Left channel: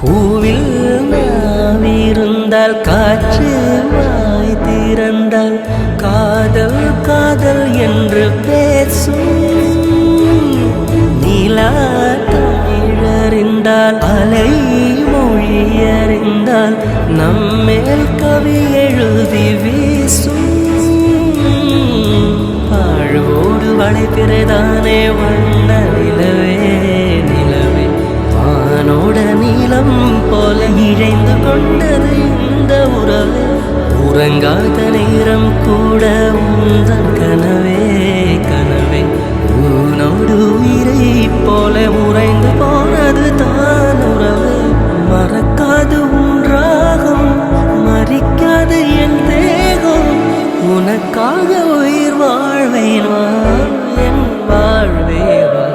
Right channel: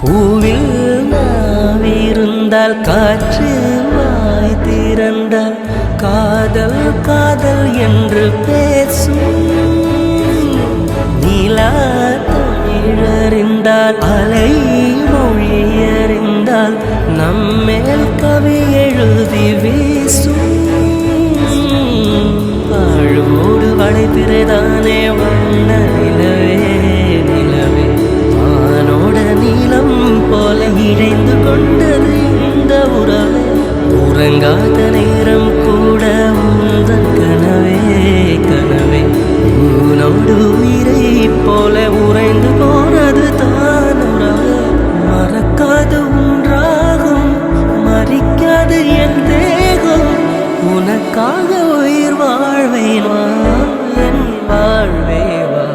பூவில் நாவிருந்தால் காற்று வாய் திறந்தால் காதல் காதல் என்று பேசும். நீலா தமிழறிந்தால் அலை மொழியறிந்தால் நம்மேல் கவி எழுதி வீசும். வாழ்வோடு வளைத்திரைதானே வண்ண நிலவே நிலவே வானோட நீளம் போல இழைந்து கொண்டது இந்த உறவே. உறங்காத நேரம் கூட உந்தன் கனவே கனவே உனோடு உயிரை போல உறைந்து போனது தான் உறவே. மறக்காது உன்றாகும் மறிக்காது என் தேகம் உனக்காக உயிர் வாழ்வேன் வா என் வாழ்வே வா.